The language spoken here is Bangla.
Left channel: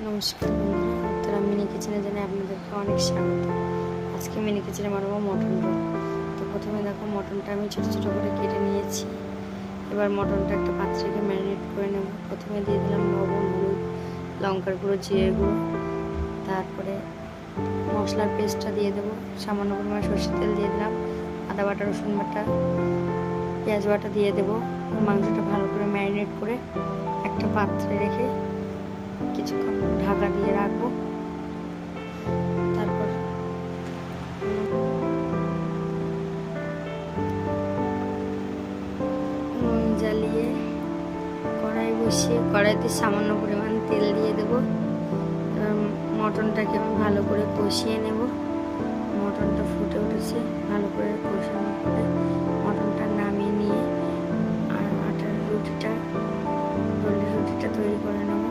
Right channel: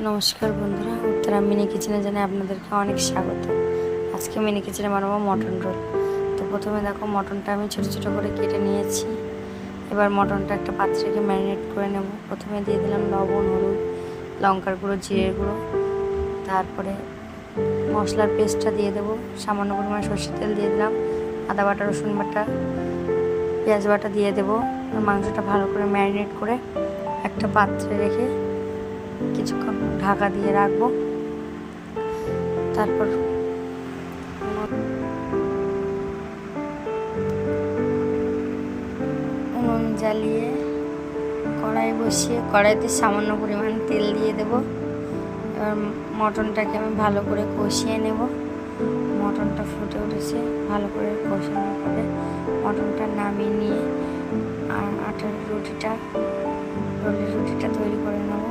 নমস্কার বন্ধুরা, উত্তরা মিনি কিচেনে জানাই আপনাদেরকে অনেক স্বাগত। আজকে মিনি কিচেনে বানাবো মটন রোল। তো প্রথমে দেখো, মটনটা আমি ছোটো ছোটো করে কেটে নিয়েছি। এবার মটনটা একটা পাত্রে রেখে ম্যারিনেট করে নেব। প্রথমে দিয়ে দিলাম লবণ, হলুদ, লঙ্কার গুঁড়ো, জিরের গুঁড়ো, তারপরে মশলার পেস্টটা দিয়ে দেবো। সামান্য পরিমাণে সরষের তেল দিয়ে দিলাম, আদা বাটা, রসুন বাটা, পেঁয়াজ বাটা দিয়ে দেবো। মাংসটা ভালো করে ম্যারিনেট করে একটা পাত্রে রেখে কিছুক্ষণ ঢাকা দিয়ে রাখবো। তারপর নুন জ্বালিয়ে কড়াই বসিয়ে কড়াইতে সামান্য পরিমাণ তেল দিয়ে দেবো। এবার মটনটাকে আমি ভালো করে কষিয়ে নেব। মটনটা ফুটে উঠেছে, ভালো করে কষানোর পরে মটনটা নামিয়ে নিয়ে আর রোলের রুটিটা তৈরি করে নেব।